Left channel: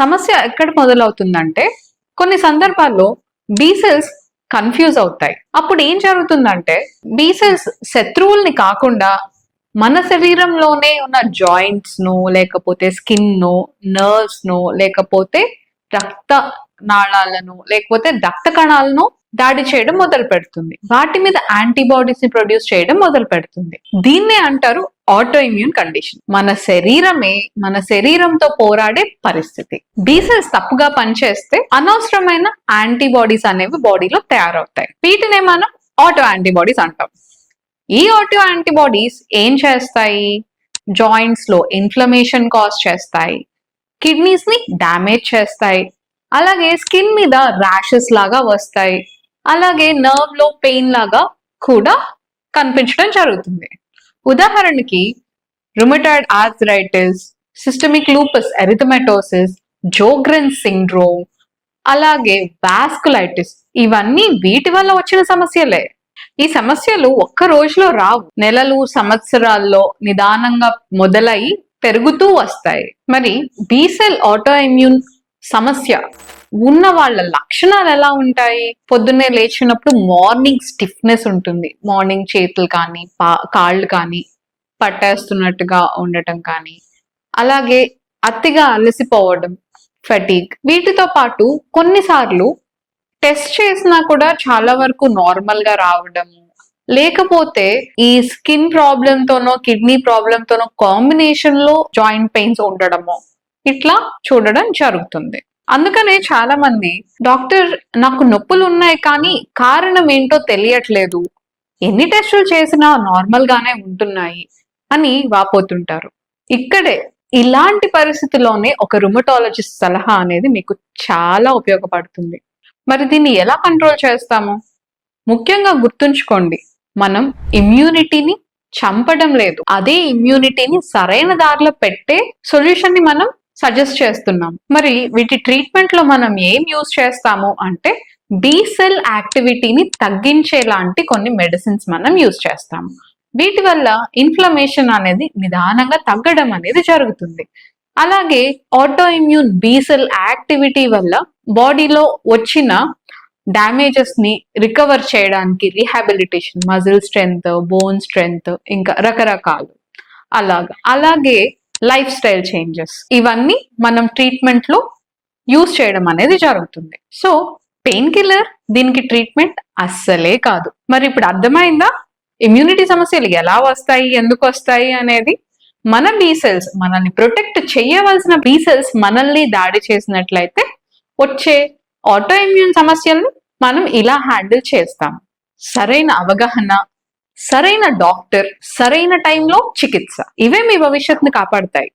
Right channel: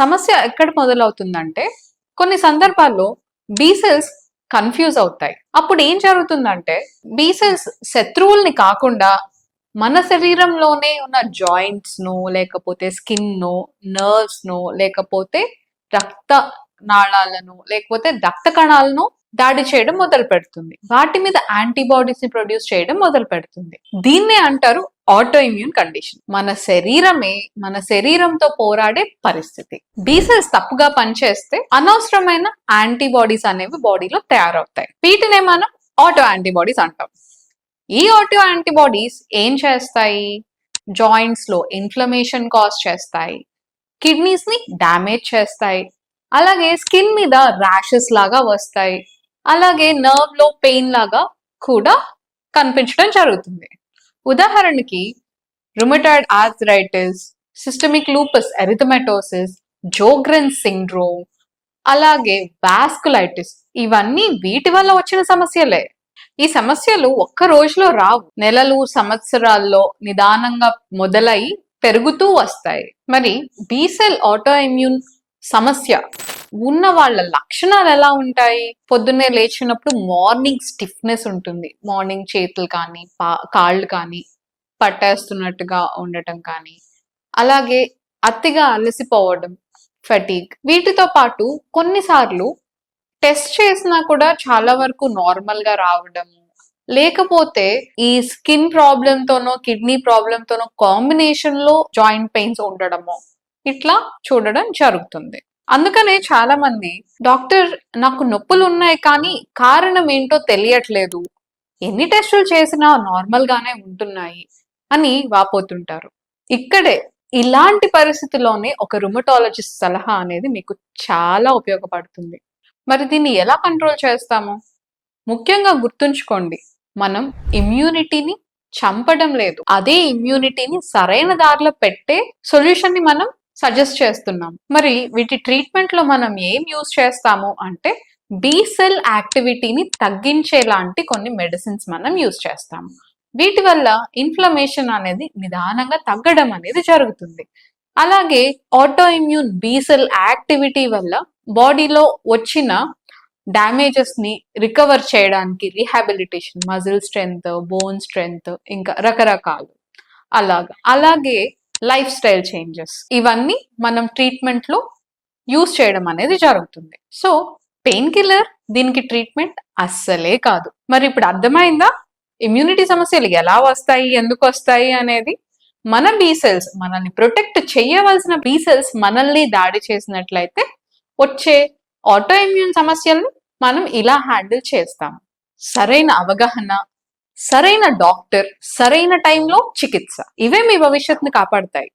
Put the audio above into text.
సమస్య ఎక్కడ మొదలవుతుందంటే కొన్ని సందర్భాల్లో బి సెల్స్ కన్ఫ్యూజ్ అవుతాయి. అప్పుడు ఏం జరుగుతుందంటే బి సెల్స్ శత్రువుల్ని కాకుండా మన శరీరంలోనే ఉన్న జాయింట్స్ ను, లేకపోతే స్కిన్ ను, నర్వ్స్ ను, లేకపోతే రక్త నాళాలను, లేకపోతే రక్త కణాలను దాడి చేయడం మొదలు పెడుతుంది. వాటి మీద యాంటీబాడీస్ ని ప్రొడ్యూస్ చేయడం మొదలు పెడుతుంది. దీన్నే అంటారు ఆటో ఇమ్యూన్ కండిషన్. మన శరీరంతో పోరాడే పరిస్థితి. బి సెల్స్ తప్పుగా పనిచేస్తే అనవసరమైన యాంటీబాడీస్ అనేవి బాడీలో తయారవుతాయి. వీటినే మనం ఆటో యాంటీబాడీస్ అంటాం. ఈ ఆటో యాంటీబాడీస్ ఏం చేస్తాయి? జాయింట్స్ లో ఇన్ఫ్లమేషన్ కాజ్ చేస్తాయి, కిడ్నీస్ ని డ్యామేజ్ చేస్తాయి, అలాగే స్కిన్ మీద ర్యాషెస్ లాగా వస్తాయి, అలాగే నర్వ్ లో పెయిన్ లాగా కూడా కనిపించడం జరుగుతుంది. ఉదాహరణకి rheumatoid arthritis, systemic lupus ఎరిథమెటోసిస్, జోగ్రెన్ syndrome, అలాగే వాస్కులైటిస్, ఇవన్నీ వీటి వల్ల వచ్చిన సమస్యలే. ఈ సమస్యలు ఒక్క రోజులో రావు, నెలలు సంవత్సరాల్లో నిదానంగా మొదలై పెరుగుతూ వస్తాయి. మరి బి సెల్ ఆటో ఇమ్యూన్ సమస్య ఉన్న వాళ్ళ లక్షణాలు ఎలా ఉంటాయి? పొద్దున్నే లేచినప్పుడు మార్నింగ్ స్టిఫ్నెస్ ఉంటుంది. మార్నింగ్ చేతులు కానీ కాళ్ళు కానీ పట్టేస్తున్నట్టుగా ఉండటం కానీ, అలాగే అతిగా అలసిపోవడం, ఫటీగ్. వీటితో పాటు కొన్నిసార్లు టెస్ట్ చేసినా కూడా చాలా వరకు నార్మల్ గా రావడము, లేకపోతే ఈ స్కిన్ ప్రాబ్లమ్ తోనో కిడ్నీ ప్రాబ్లమ్ తోనో కాంబినేషన్ లో జాయింట్ పెయిన్స్ ఉండడము, ఇట్లా చూడడం జరుగుతుంది. అందుకనే చాలా మంది డాక్టర్ నాకు నొప్పులు ఉన్నాయి కానీ కారణం ఏంటో తెలియట్లేదు, ఎన్ని టెస్టులు చేసినా నార్మల్ గానే ఉంటున్నాయి అని వాపోతుంటారు. ఇక్కడే ఇలాంటి పరిస్థితుల్లోనే ఒక రుమటాలజిస్ట్ సలహా అనేది మీకు చాలా ఉపయోగపడుతుంది. మరి దీన్ని ఎలా కంట్రోల్ చేస్తాము? ముఖ్యంగా గుర్తుంచుకోండి, మనం ఇమ్యూనిటీని చంపడం లేదు, అదే ఇమ్యూనిటీని సరైన దారిలో పెట్టే సొల్యూషన్ ని మనం సజెస్ట్ చేస్తున్నాం. మరి వీటి ట్రీట్మెంట్ లో మనం ఏం యూజ్ చేస్తాము అంటే బి సెల్ యాక్టివిటీని తగ్గించేలాంటి కొన్ని మెడిసిన్స్ మనం యూజ్ చేస్తాము. వీటి వల్ల ఇన్ఫ్లమేషన్ అనేది నిదానంగా తగ్గడం అనేది జరుగుతుంది. అలాగే autoimmune B cell activity వల్ల బాడీలో వచ్చిన డ్యామేజెస్ ని రికవర్ చేయడానికి rehabilitation, muscle strength, bone strength, ఇంకా రకరకాలు అలాగే లైఫ్ స్టైల్ చేంజెస్, ఇవన్నీ మనం ట్రీట్మెంట్ లో యూజ్ చేయడం అనేది జరుగుతుంది. సో పెయిన్ కిల్లర్ దీనికి ట్రీట్మెంట్ అస్సలే కాదు. మరి ఇప్పుడు అర్థమైందా ఇమ్యూనిటీ సమస్యలు ఎలా వస్తాయి, ఎందుకు వస్తాయి అనేది? మన బి సెల్స్, మనల్ని ప్రొటెక్ట్ చేయవలసిన బి సెల్స్ మనల్ని దాడి చేసినట్లయితే వచ్చే ఆటో ఇమ్యూన్ సమస్యలను మనం ఇలా హ్యాండిల్ చేస్తాం. సరైన అవగాహన, సరైన డాక్టర్, సరైన టైంలో చికిత్స, ఇవే మీ భవిష్యత్తుని కాపాడతాయి.